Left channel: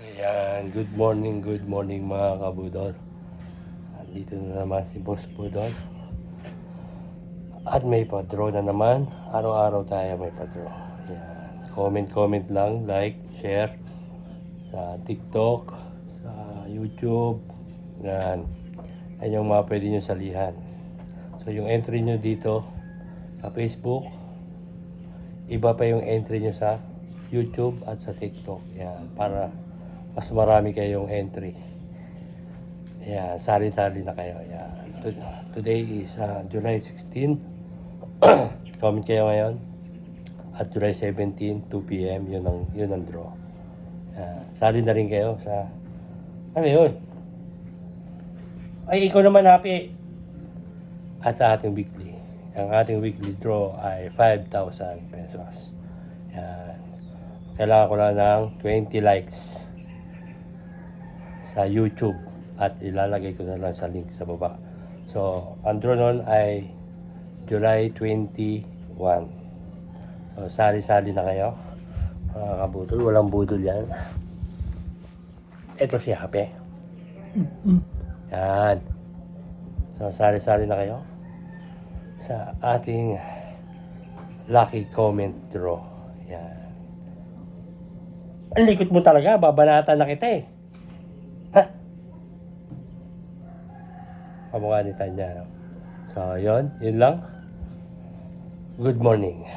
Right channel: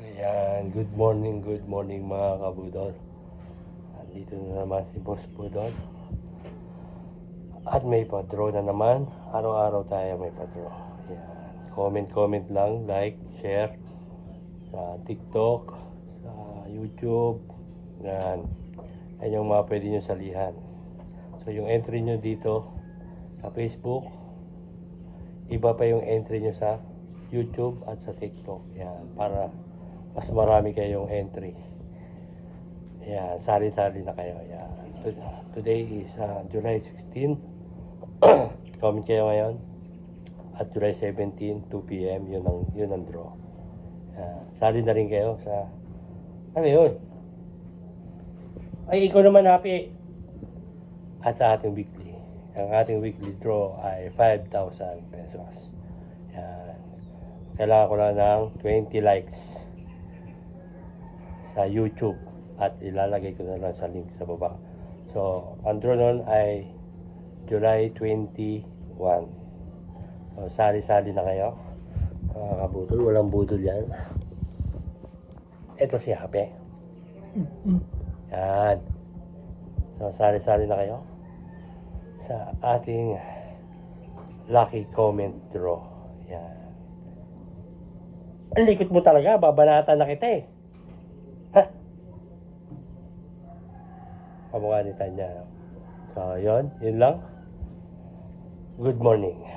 Ayan, good morning mga kabudol. Dito na naman si Boss Budol. At may pa-draw na naman. Araw-araw tayo may pa-draw. Ayan. Comment lang, like, share sa TikTok, sa YouTube. Ayan. Ayan yung mga pwede nyo salihan. So yung entry nyo dito sa Facebook, iba pa yung entry nyo sa YouTube at sa TikTok. Ayan, para mas marami kayong entry. Ayan, sali-sali na kayo. Ayan. Today is July 16. Comment kayo ngayon. At July 17, 2 p.m. Yun ang draw. Ayan. Sali na rin kayo sa... Ano yun? Ay, ikaw naman happy. At sa ating weekly. Ang ating weekly draw ay 5,000 pesos. Ayan. Kailangan ko lang ng 20 likes sa YouTube at ilalagay ko na lang sa link sa baba. So, ang draw nun ay July 21. So, sali-sali na kayo mga kabudol. Walang budol yan. Ito si Happy. Yan. So, sali-sali na kayo sa ating lucky comment draw. Yan. Ang likot mo talaga. Babanatan na kita eh. Ha? Kamukha ni Tanya. So, yun lang. Good morning.